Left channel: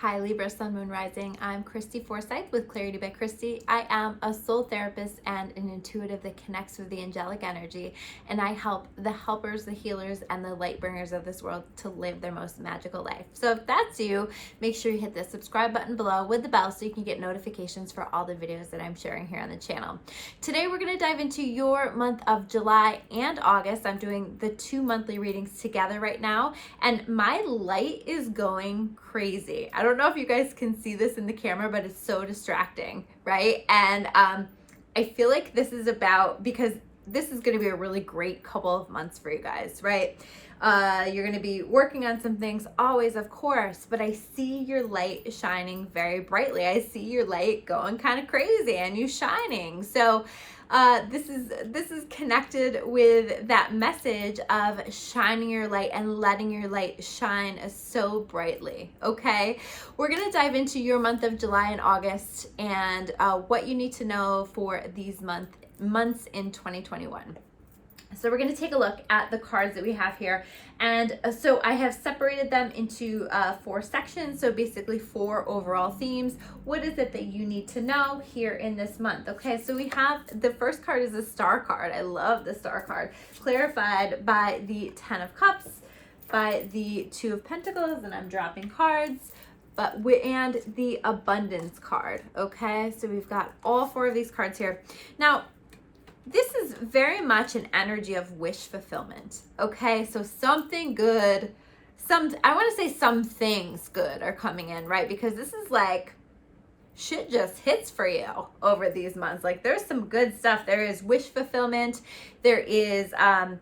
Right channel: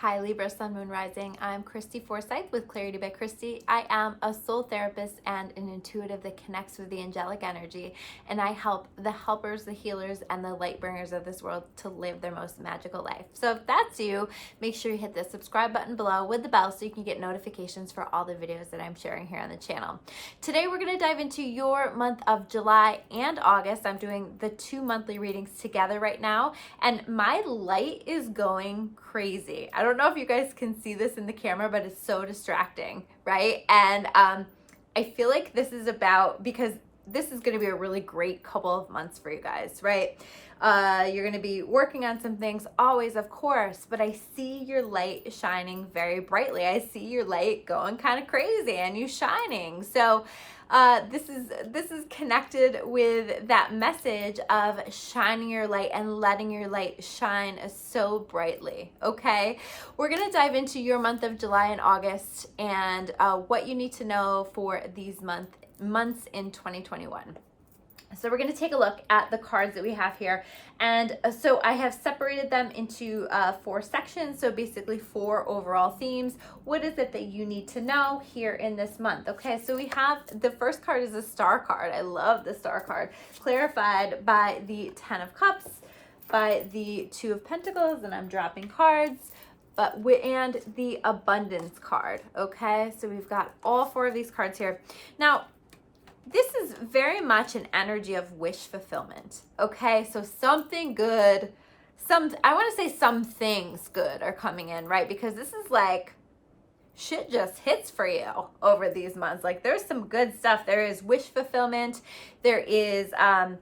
Hi Libra, Sun, Moon, Rising. I'm Christy Forsyth with Clarity by Christy. I am a soul therapist and an intuitive that connects with the angelic energy, and I help the helpers, the healers, and the light bringers of this world to live their most magical life. So if that's you, make sure you hit the subscribe button below with the bell so you can get notifications for all the videos that I'm sharing here on the channel. Today we're going to dive into your month of July and August. I'm doing the 2 monthly readings together right now, and my light is going crazy. I don't know if you guys can see this in the camera, but it's so distracting, right? And I feel like this is about, because this is going to be a really great couple of months for you guys, right? You're going to be working on some things always, of course, but I see your light shining very brightly. I see your light going kind of crazy and you shining. So this is connected with that message of shining your light and letting your light shine so brightly. Okay, we're gonna dive into your month of July and August and what you need to know for these months in 2021. So we're going to take a look at the cards that we have here. And so I have separated them into 4 sections. So basically 4 overall themes. What is it that you need to know here in this month? Okay, so we have the first card is the Star card. I love the Star card. Clarified by the 10 of Cups, by the 2 of Pentacles, and I'm dropping cards. And the Abundance card. Okay, so we've got all 4 of these cards here. Now, this is very much an energy of wish fulfillment. Okay, so something good, I want to say some things good are coming in, right? Because this is like shit just hits for you over these months. Like there's some good stuff. There is wish fulfillment. There is, 10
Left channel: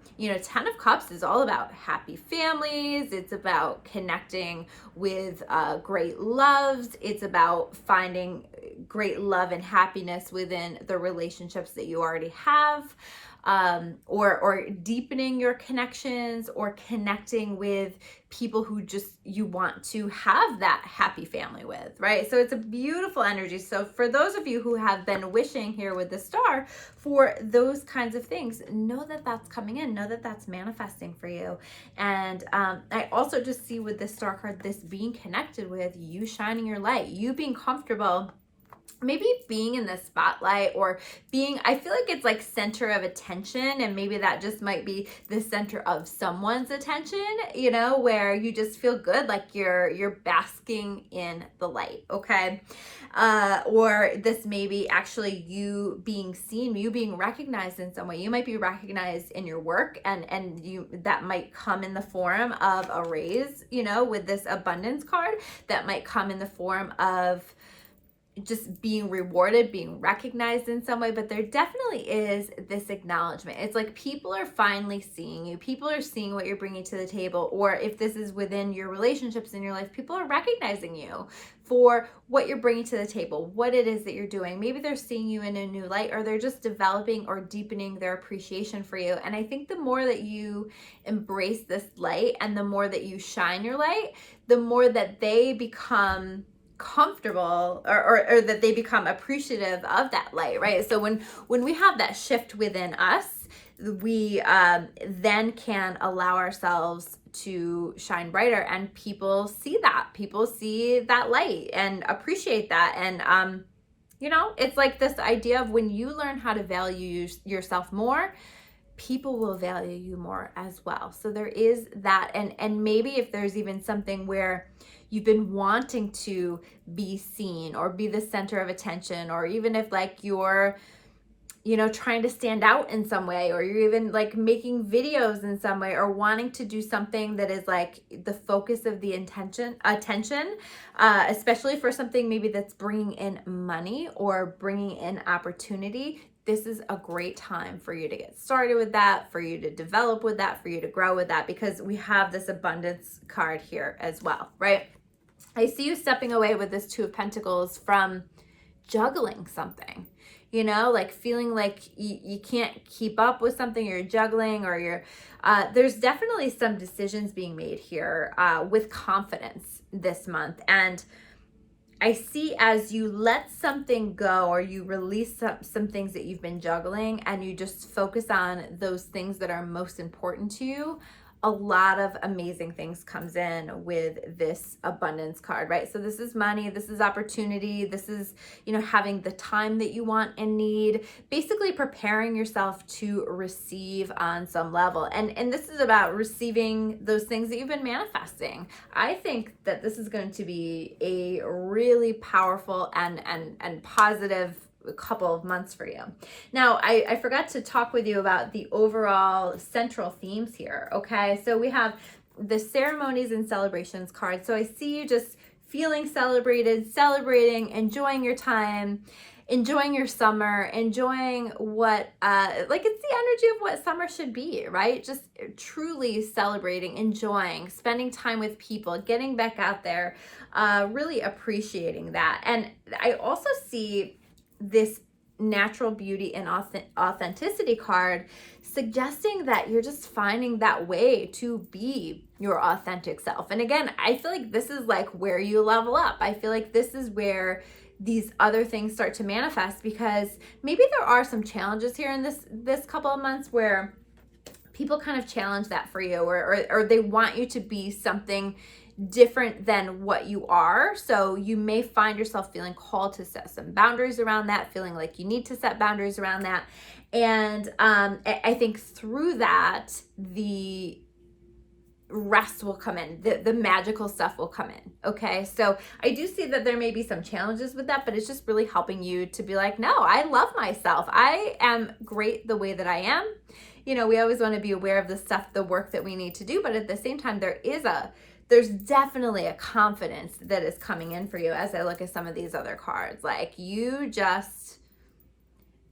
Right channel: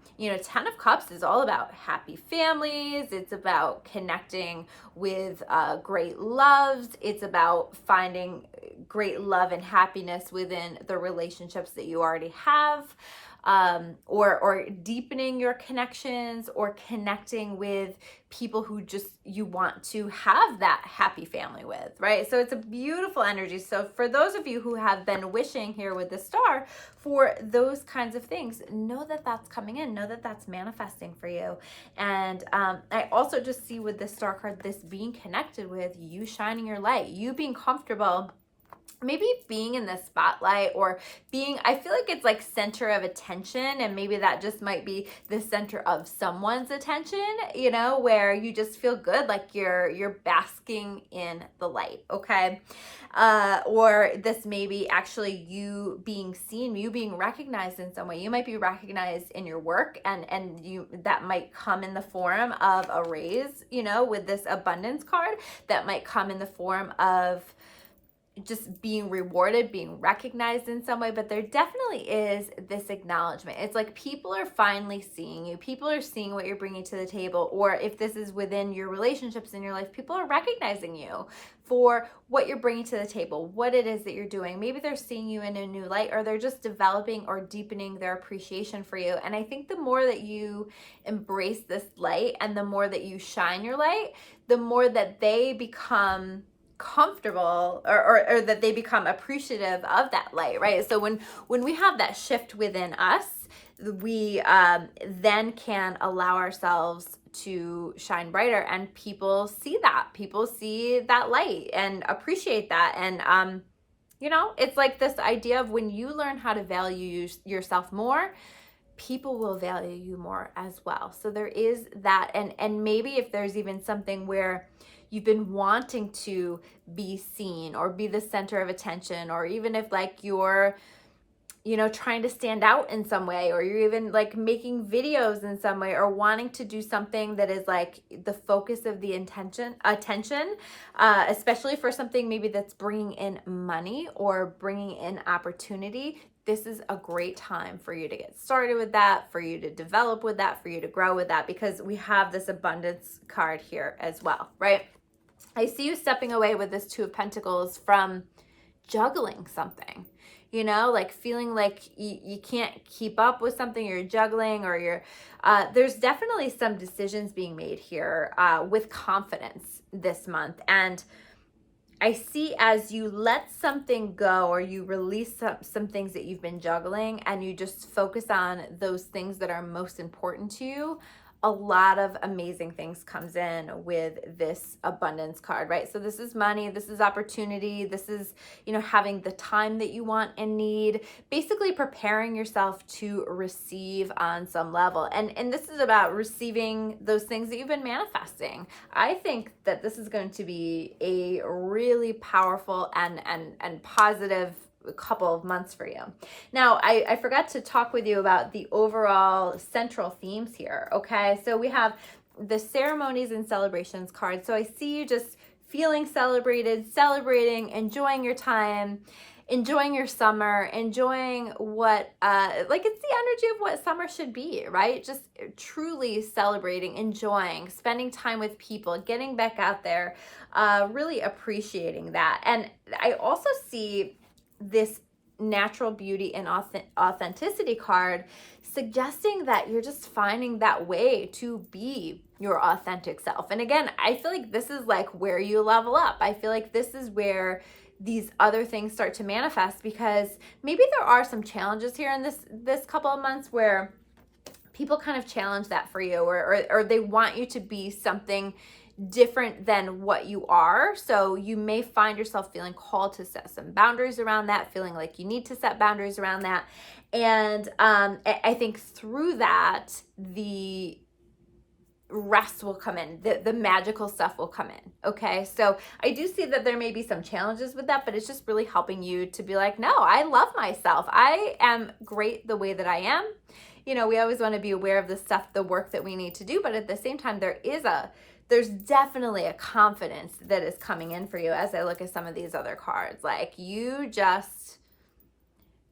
of Cups is all about happy families. It's about connecting with great loves. It's about finding great love and happiness within the relationships that you already have. Or deepening your connections, or connecting with people who just you want to have that happy family with, right? So it's a beautiful energy. So for those of you who have been wishing here with the Star for those kinds of things, know that that's coming in, know that that's manifesting for you. And I also just see with the Star card, this being connected with you shining your light, you being comfortable, maybe being in the spotlight, or being, I feel like it's like center of attention, and maybe that just might be the center of someone's attention, where you just feel good, like you're basking in the light. Okay. Or this may be actually you being seen, you being recognized in some way. You might be recognized in your work, and that might come in the form of a raise, with this Abundance card. That might come in the form of just being rewarded, being recognized in some way. But there definitely is this acknowledgement. It's like people are finally seeing you. People are seeing what you're bringing to the table. Or if this is within your relationships in your life, people are recognizing you for what you're bringing to the table, what it is that you're doing. Maybe they're seeing you in a new light, or they're just developing or deepening their appreciation for you. And I think the more that you embrace this light and the more that you shine your light, the more that they become comfortable, or that they become appreciative of that light, right? So when we have that shift within us, we then can allow ourselves to shine brighter, and people see that light and appreciate that. And it's like this idea of when you learn how to value yourself more, people will value you more as well. So there is that. And maybe if there's even something where you've been wanting to be seen or be the center of attention, or even if like you're, trying to stand out in some way, or you're even like making videos in some way, or wanting to do something that is like the focus of the attention, especially for something maybe that's bringing in money or bringing in opportunity. This is a great time for you to get started with that, for you to develop with that, for you to grow with that, because we have this Abundance card here as well, right? I see you stepping away with this 2 of Pentacles from juggling something, like feeling like you can't keep up with something you're juggling, or there's definitely some decisions being made here with confidence this month. And I see as you let something go, or you release some things that you've been juggling, and you just focus on those things that are most important to you, a lot of amazing things comes in with this abundance card, right? So this is money, this is opportunity, this is, you know, having the time that you want and need, basically preparing yourself to receive on some level. And this is about receiving those things that you've been manifesting. I think that this is going to be a really powerful and positive couple of months for you. Now, I forgot to talk with you about the overall central themes here, okay? So we have the ceremonies and celebrations card. So I see you just feeling celebrated, celebrating, enjoying your time, enjoying your summer, enjoying what, like it's the energy of what summer should be, right? Just truly celebrating, enjoying, spending time with people, getting back out there, really appreciating that. And I also see this natural beauty and authenticity card suggesting that you're just finding that way to be your authentic self. And again, I feel like this is like where you level up. I feel like this is where these other things start to manifest, because maybe there are some challenges here in this couple of months where people kind of challenge that for you, or they want you to be something different than what you are. So you may find yourself feeling called to set some boundaries around that, feeling like you need to set boundaries around that. And I think through that, the rest will come in, the magical stuff will come in. Okay, so I do see that there may be some challenges with that, but it's just really helping you to be like, no, I love myself. I am great the way that I am. You know, we always want to be aware of the stuff, the work that we need to do, but at the same time, there's definitely a confidence that is coming in for you as I look at some of these other cards. Like, you just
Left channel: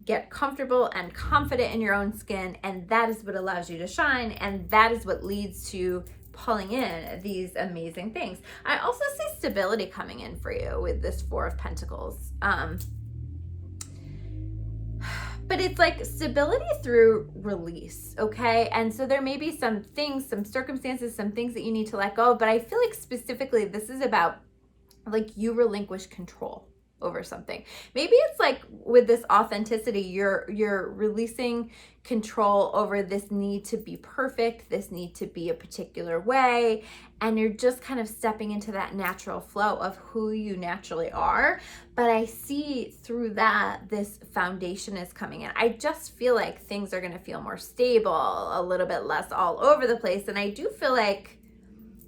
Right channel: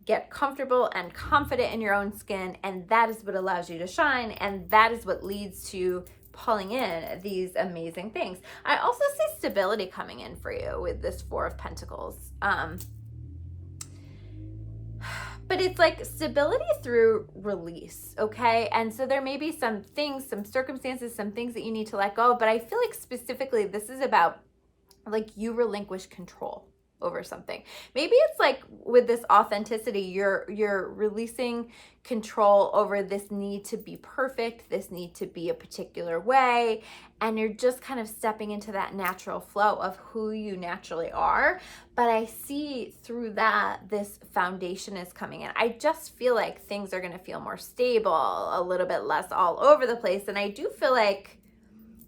get comfortable and confident in your own skin, and that is what allows you to shine, and that is what leads to pulling in these amazing things. I also see stability coming in for you with this Four of Pentacles. But it's like stability through release, okay? And so there may be some things, some circumstances, some things that you need to let go of, but I feel like specifically this is about like you relinquish control over something. Maybe it's like with this authenticity, you're releasing control over this need to be perfect, this need to be a particular way, and you're just kind of stepping into that natural flow of who you naturally are. But I see through that, this foundation is coming in. I just feel like things are going to feel more stable, a little bit less all over the place. And I do feel like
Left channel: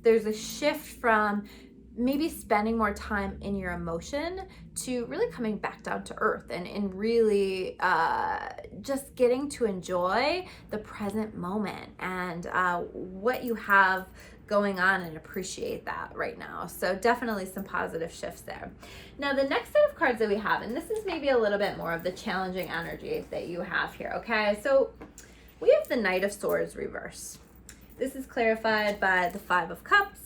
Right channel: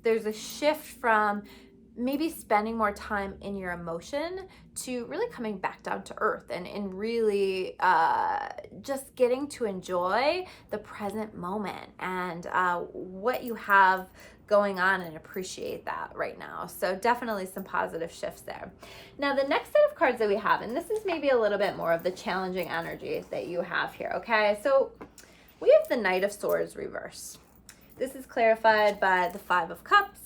there's a shift from maybe spending more time in your emotion to really coming back down to earth and really just getting to enjoy the present moment and what you have going on, and appreciate that right now. So definitely some positive shifts there. Now the next set of cards that we have, and this is maybe a little bit more of the challenging energy that you have here, okay? So we have the Knight of Swords reverse. This is clarified by the Five of Cups,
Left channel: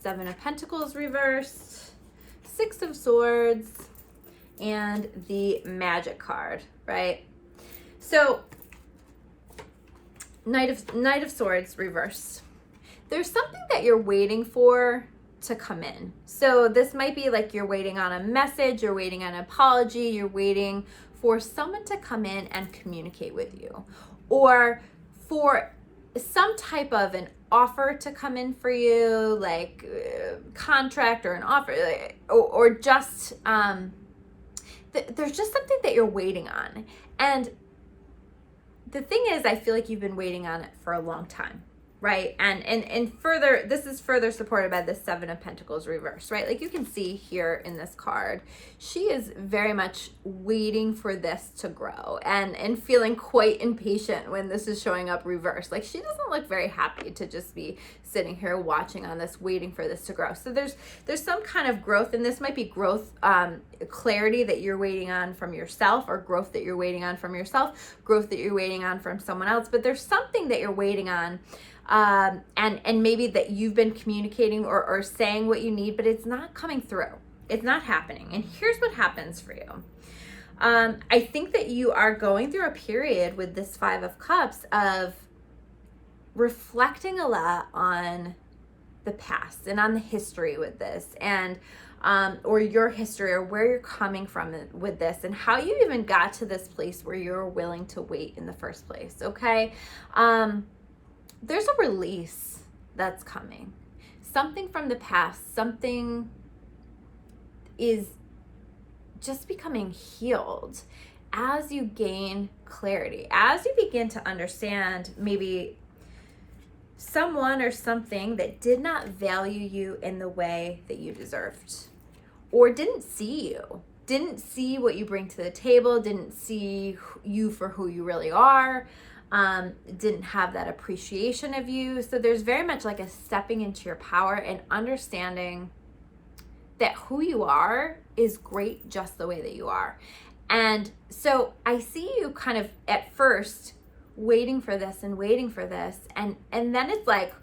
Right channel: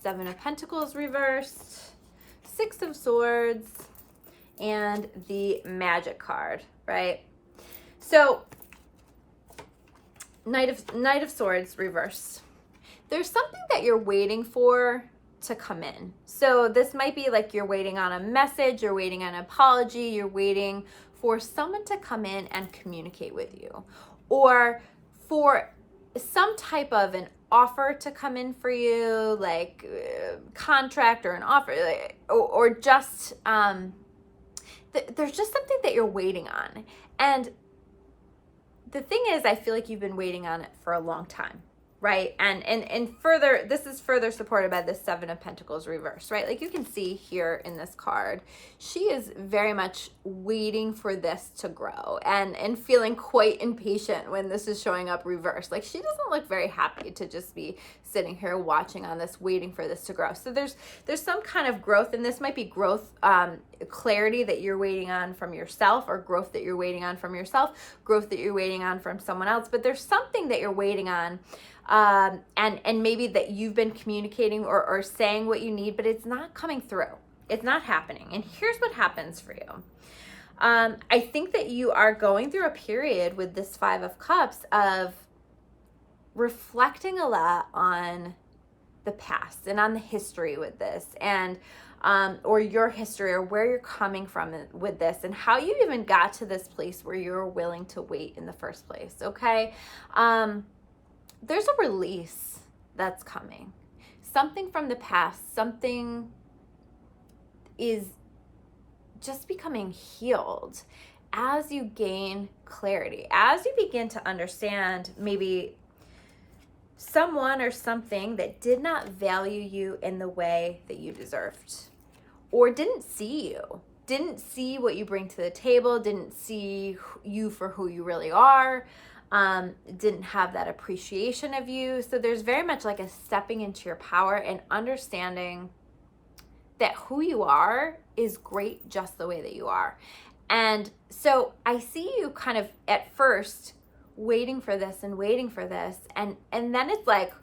Seven of Pentacles reversed, Six of Swords, and the Magic card, right? So Knight of Swords reversed. There's something that you're waiting for to come in. So this might be like you're waiting on a message, you're waiting on an apology, you're waiting for someone to come in and communicate with you, or for some type of an offer to come in for you, like contract or an offer, like, or just there's just something that you're waiting on. And the thing is, I feel like you've been waiting on it for a long time, right? And further, this is further supported by the Seven of Pentacles reverse, right? Like you can see here in this card, she is very much waiting for this to grow and feeling quite impatient when this is showing up reversed. Like she doesn't look very happy to just be sitting here watching on this, waiting for this to grow. So there's some kind of growth, and this might be growth, clarity that you're waiting on from yourself, or growth that you're waiting on from yourself, growth that you're waiting on from someone else. But there's something that you're waiting on, and maybe that you've been communicating or saying what you need, but it's not coming through. It's not happening. And here's what happens for you. I think that you are going through a period with this Five of Cups of reflecting a lot on the past and on the history with this, and or your history, or where you're coming from with this, and how you even got to this place where you're willing to wait in the first place, okay? there's a release that's coming. Something from the past, something is just becoming healed as you gain clarity, as you begin to understand maybe someone or something that did not value you in the way that you deserved, or didn't see what you bring to the table, didn't see you for who you really are, didn't have that appreciation of you. So there's very much like a stepping into your power and understanding that who you are is great just the way that you are. And so I see you kind of at first waiting for this, and then it's like,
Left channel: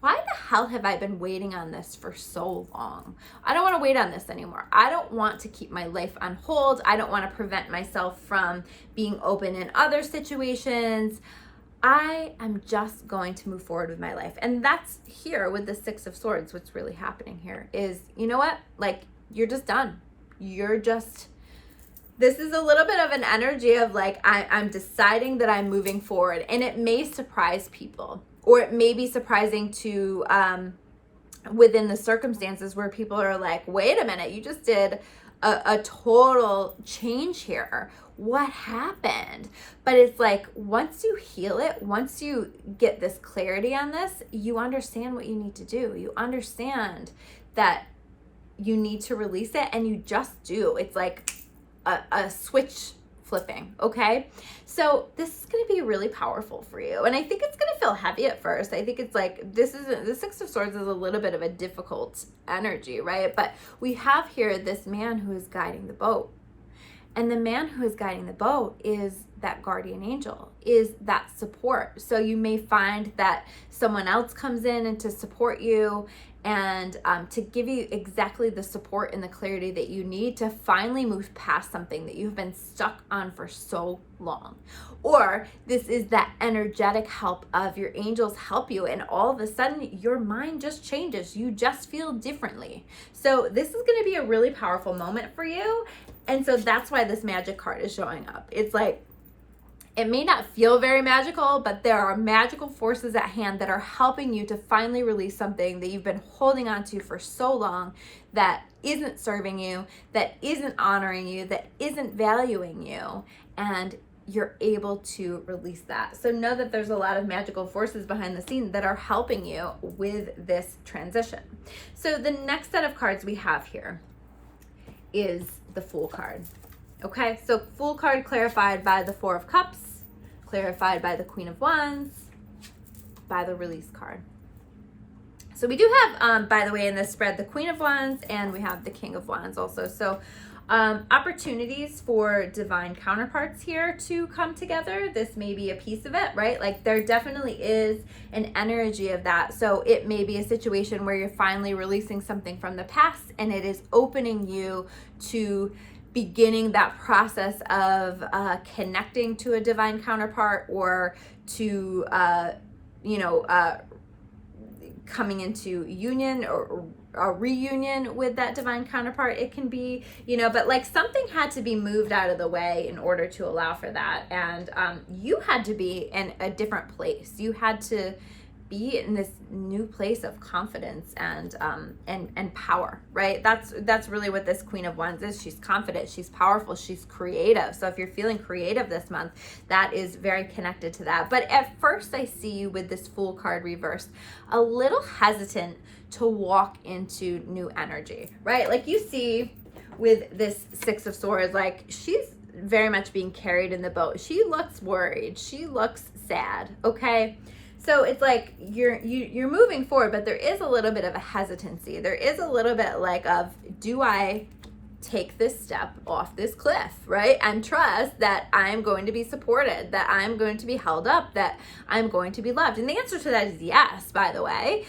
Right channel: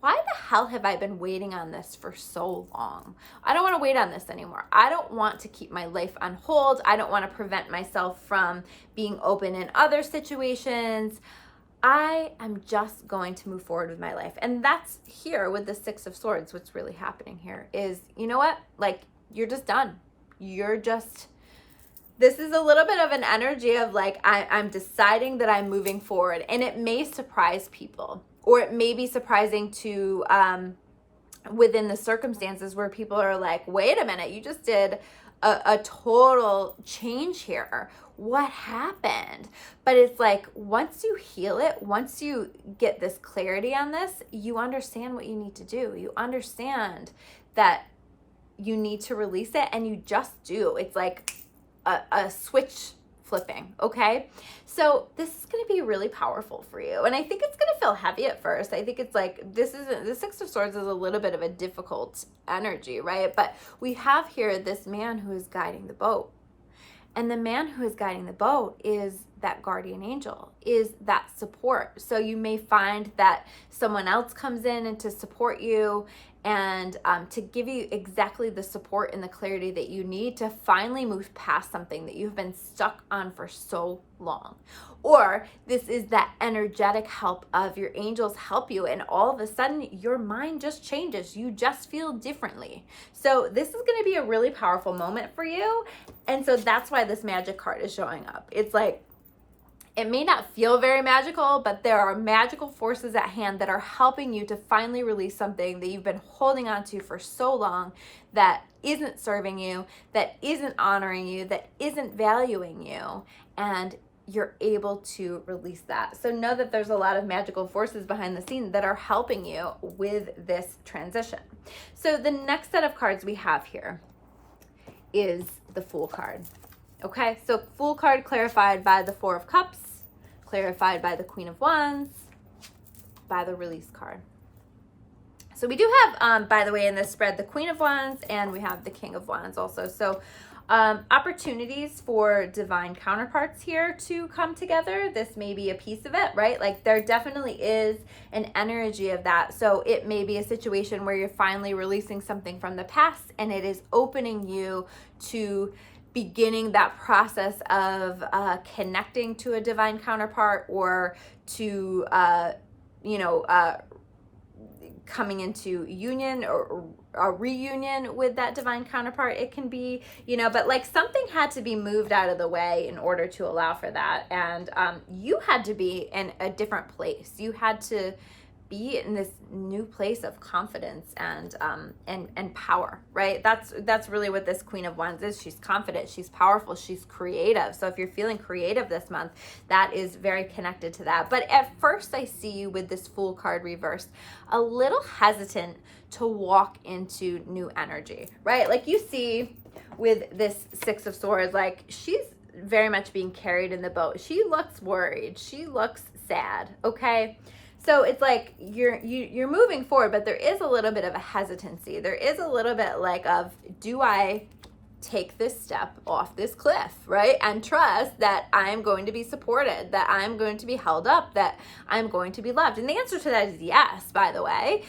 why the hell have I been waiting on this for so long? I don't want to wait on this anymore. I don't want to keep my life on hold. I don't want to prevent myself from being open in other situations. I am just going to move forward with my life. And that's here with the Six of Swords. What's really happening here is, you know what? Like, you're just done. This is a little bit of an energy of like, I'm deciding that I'm moving forward. And it may surprise people, or it may be surprising to, within the circumstances where people are like, wait a minute, you just did a total change here. What happened? But it's like, once you heal it, once you get this clarity on this, you understand what you need to do. You understand that you need to release it, and you just do. It's like a switch flipping, okay? So this is going to be really powerful for you. And I think it's going to feel heavy at first. I think it's like, the Six of Swords is a little bit of a difficult energy, right? But we have here this man who is guiding the boat. And the man who is guiding the boat is that guardian angel, is that support. So you may find that someone else comes in and to support you, and to give you exactly the support and the clarity that you need to finally move past something that you've been stuck on for so long. Or this is that energetic help of your angels help you, and all of a sudden your mind just changes. You just feel differently. So this is going to be a really powerful moment for you. And so that's why this magic card is showing up. It's like, it may not feel very magical, but there are magical forces at hand that are helping you to finally release something that you've been holding on to for so long, that isn't serving you, that isn't honoring you, that isn't valuing you, and you're able to release that. So know that there's a lot of magical forces behind the scene that are helping you with this transition. So the next set of cards we have here is the Fool card. Okay, so Fool card clarified by the Four of Cups, clarified by the Queen of Wands, by the Release card. So we do have, by the way, in this spread, the Queen of Wands, and we have the King of Wands also. So opportunities for divine counterparts here to come together. This may be a piece of it, right? Like, there definitely is an energy of that. So it may be a situation where you're finally releasing something from the past, and it is opening you to beginning that process of connecting to a divine counterpart, or to, coming into union or a reunion with that divine counterpart. It can be, but like something had to be moved out of the way in order to allow for that. And you had to be in a different place. You had to be in this new place of confidence and power, right? That's really what this Queen of Wands is. She's confident, she's powerful, she's creative. So if you're feeling creative this month, that is very connected to that. But at first I see you with this Fool card reversed, a little hesitant to walk into new energy, right? Like you see with this Six of Swords, like she's very much being carried in the boat. She looks worried, she looks sad, okay? So it's like you're moving forward, but there is a little bit of a hesitancy. There is a little bit like of, do I take this step off this cliff, right? And trust that I'm going to be supported, that I'm going to be held up, that I'm going to be loved. And the answer to that is yes, by the way.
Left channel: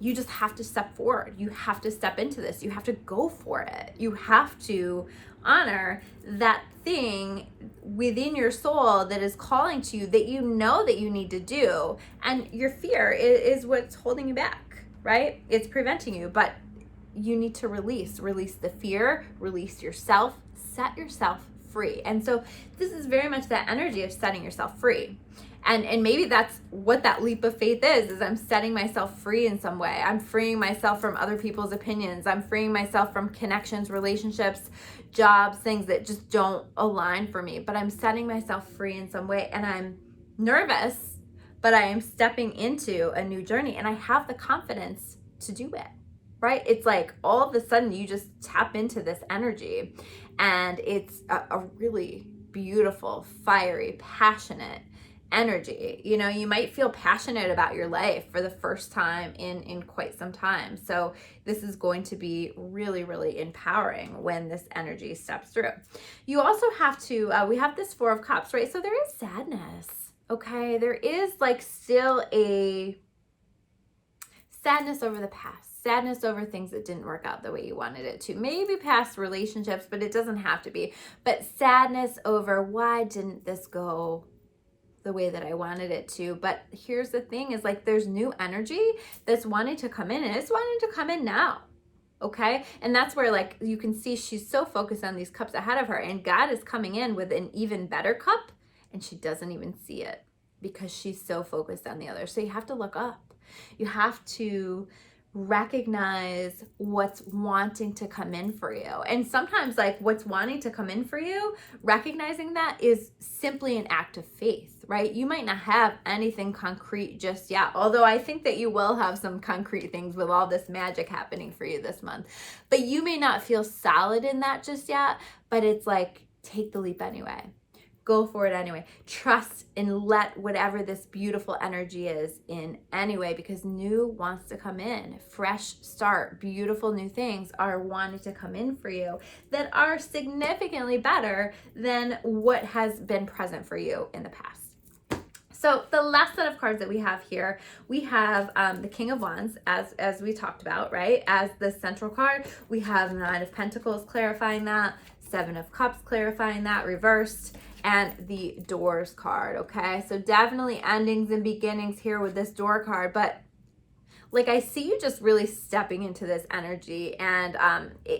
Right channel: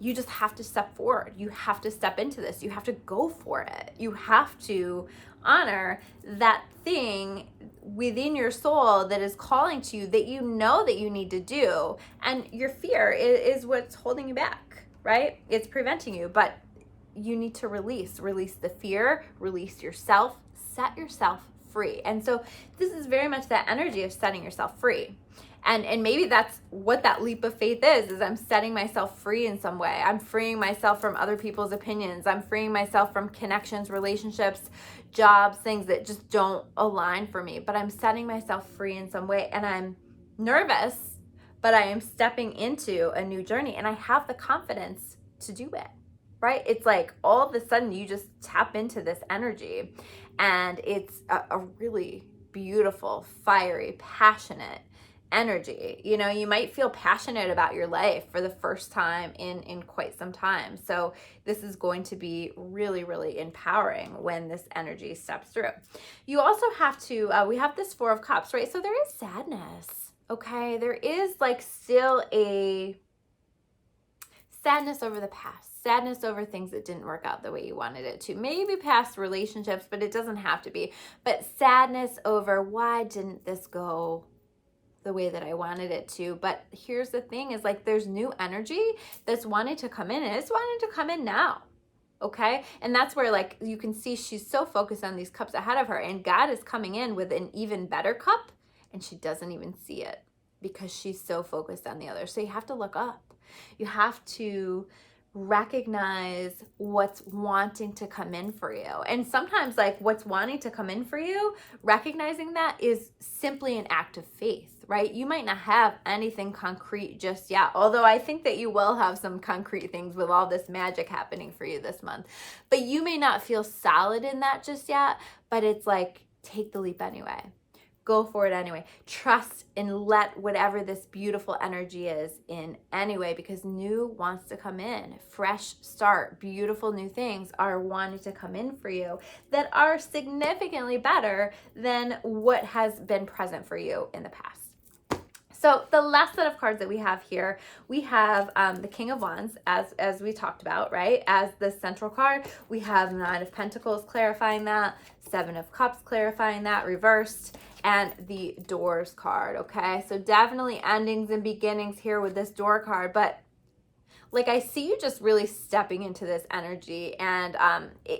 You just have to step forward. You have to step into this. You have to go for it. You have to honor that thing within your soul that is calling to you, that you know that you need to do. And your fear is what's holding you back, right? It's preventing you, but you need to release the fear, release yourself, set yourself free. And so this is very much that energy of setting yourself free. And maybe that's what that leap of faith is I'm setting myself free in some way. I'm freeing myself from other people's opinions. I'm freeing myself from connections, relationships, jobs, things that just don't align for me. But I'm setting myself free in some way, and I'm nervous, but I am stepping into a new journey, and I have the confidence to do it, right? It's like all of a sudden you just tap into this energy, and it's a really beautiful, fiery, passionate energy. You know, you might feel passionate about your life for the first time in quite some time. So this is going to be really, really empowering when this energy steps through. You also have to, we have this Four of Cups, right? So there is sadness, okay? There is like still a sadness over the past, sadness over things that didn't work out the way you wanted it to. Maybe past relationships, but it doesn't have to be. But sadness over why didn't this go the way that I wanted it to. But here's the thing is like there's new energy that's wanting to come in, and it's wanting to come in now. Okay. And that's where like you can see she's so focused on these cups ahead of her, and God is coming in with an even better cup, and she doesn't even see it because she's so focused on the other. So you have to look up. You have to recognize what's wanting to come in for you. And sometimes like what's wanting to come in for you, recognizing that is simply an act of faith, right? You might not have anything concrete just yet, although I think that you will have some concrete things with all this magic happening for you this month. But you may not feel solid in that just yet, but it's like, take the leap anyway. Go for it anyway. Trust and let whatever this beautiful energy is in anyway, because new wants to come in. Fresh start, beautiful new things are wanting to come in for you that are significantly better than what has been present for you in the past. So the last set of cards that we have here, we have the King of Wands, as we talked about, right? As the central card, we have the Nine of Pentacles clarifying that, Seven of Cups clarifying that, reversed, and the Doors card, okay? So definitely endings and beginnings here with this Door card, but like I see you just really stepping into this energy, and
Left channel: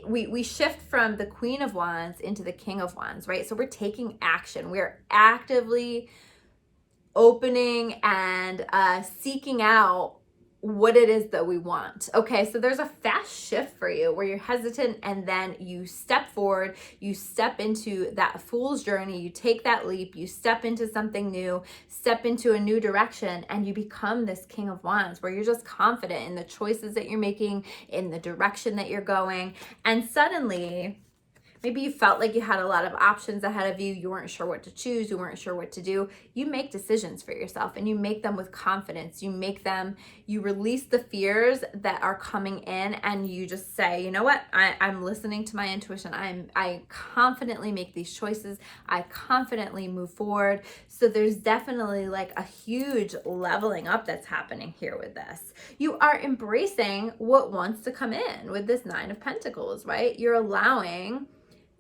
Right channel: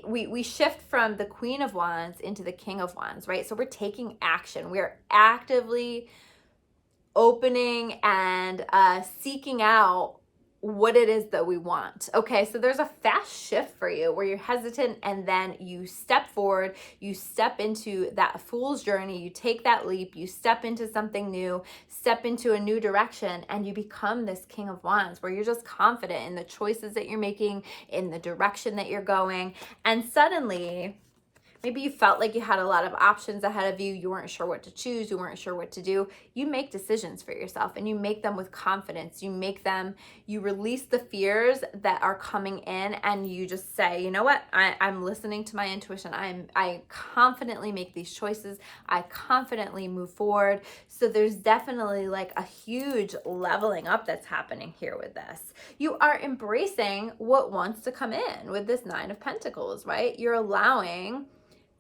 we shift from the Queen of Wands into the King of Wands, right? So we're taking action. We're actively opening and seeking out what it is that we want. Okay, so there's a fast shift for you where you're hesitant, and then you step forward, you step into that fool's journey, you take that leap, you step into something new, step into a new direction, and you become this King of Wands where you're just confident in the choices that you're making, in the direction that you're going. And suddenly, maybe you felt like you had a lot of options ahead of you. You weren't sure what to choose. You weren't sure what to do. You make decisions for yourself, and you make them with confidence. You release the fears that are coming in, and you just say, you know what? I'm listening to my intuition. I confidently make these choices. I confidently move forward. So there's definitely like a huge leveling up that's happening here with this. You are embracing what wants to come in with this Nine of Pentacles, right? You're allowing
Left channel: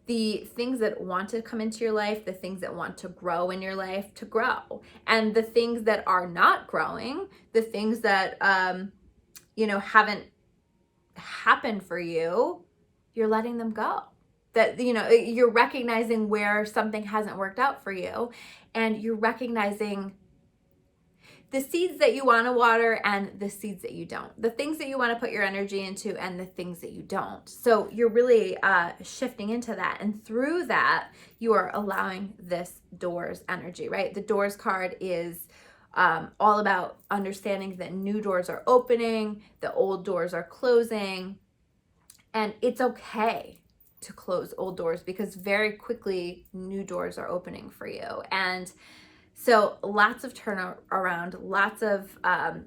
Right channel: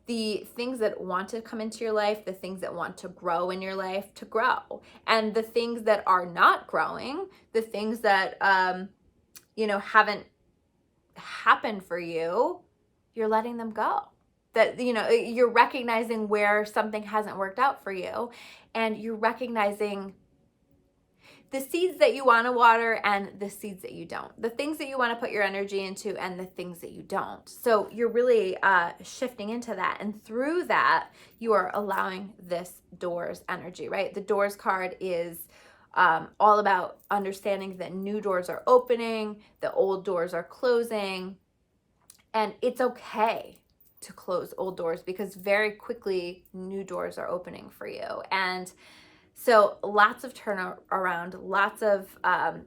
the things that want to come into your life, the things that want to grow in your life to grow. And the things that are not growing, the things that, haven't happened for you, you're letting them go. That, you're recognizing where something hasn't worked out for you, and you're recognizing the seeds that you want to water and the seeds that you don't, the things that you want to put your energy into and the things that you don't. So you're really shifting into that. And through that, you are allowing this Doors energy, right? The Doors card is all about understanding that new doors are opening, the old doors are closing, and it's okay to close old doors because very quickly new doors are opening for you. And so lots of turnaround, lots of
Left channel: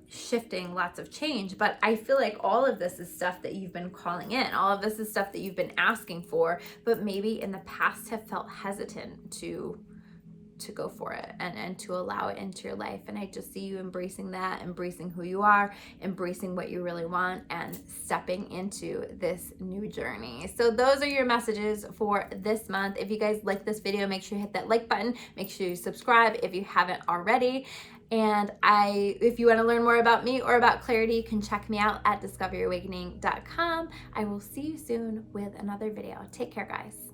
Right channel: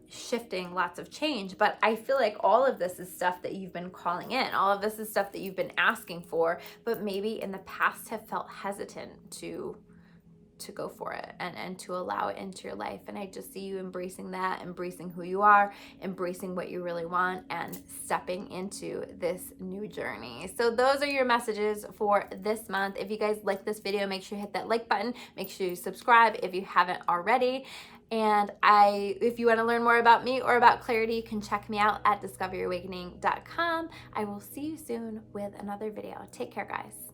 shifting, lots of change. But I feel like all of this is stuff that you've been calling in. All of this is stuff that you've been asking for, but maybe in the past have felt hesitant to go for it and to allow it into your life. And I just see you embracing that, embracing who you are, embracing what you really want, and stepping into this new journey. So those are your messages for this month. If you guys like this video, make sure you hit that like button. Make sure you subscribe if you haven't already. And if you want to learn more about me or about clarity, you can check me out at discoveryourawakening.com. I will see you soon with another video. Take care, guys.